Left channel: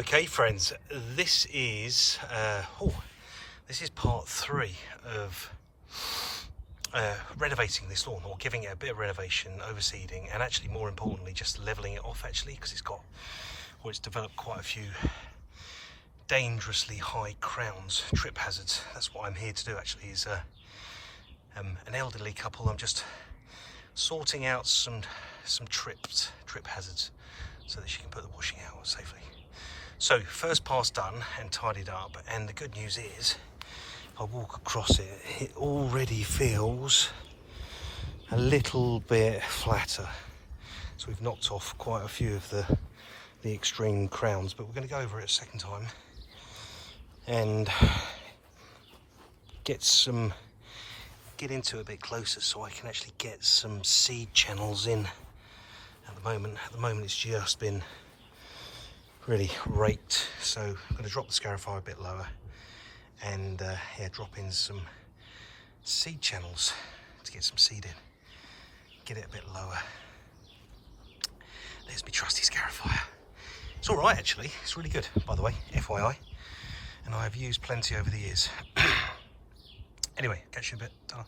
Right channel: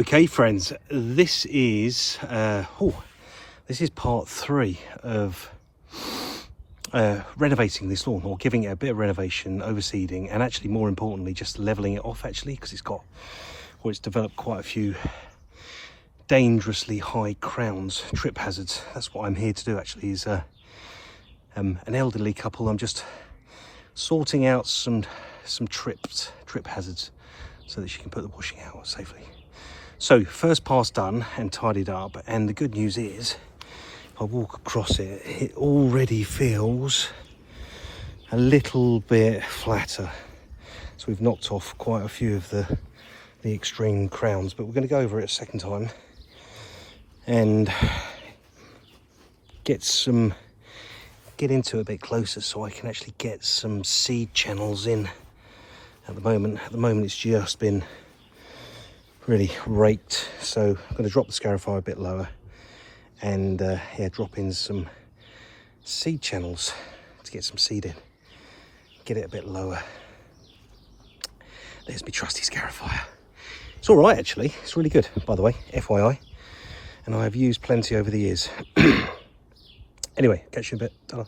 Okay friends, this is part 3 of renovating this lawn, or giving it a bit of renovation, overseeding, and actually more importantly just leveling it off, actually, because it's developed quite a few dangerously high crowns, trip hazards. That's what I'm here to do, actually, is an elderly couple. I'm just sorting out some trip hazards so that she can put the washing out safely. So first pass done and tidied up, and the good news is if I walk across it, it already feels a little bit flatter. So we've knocked off quite a few of the extreme crowns, but we're going to go over it a second time and get into it a bit closer so I can actually get some seed channels in. At the moment it's just been really raked, so I'm going to drop the scarifier a bit lower and drop in some seed channels to get some seed in, get it a bit lower. There's my trusty scarifier. It's all right, actually. It's really good, by the way, FYI, and I've used plenty over the years. Anyway, catch you in a bit. Ta-ra.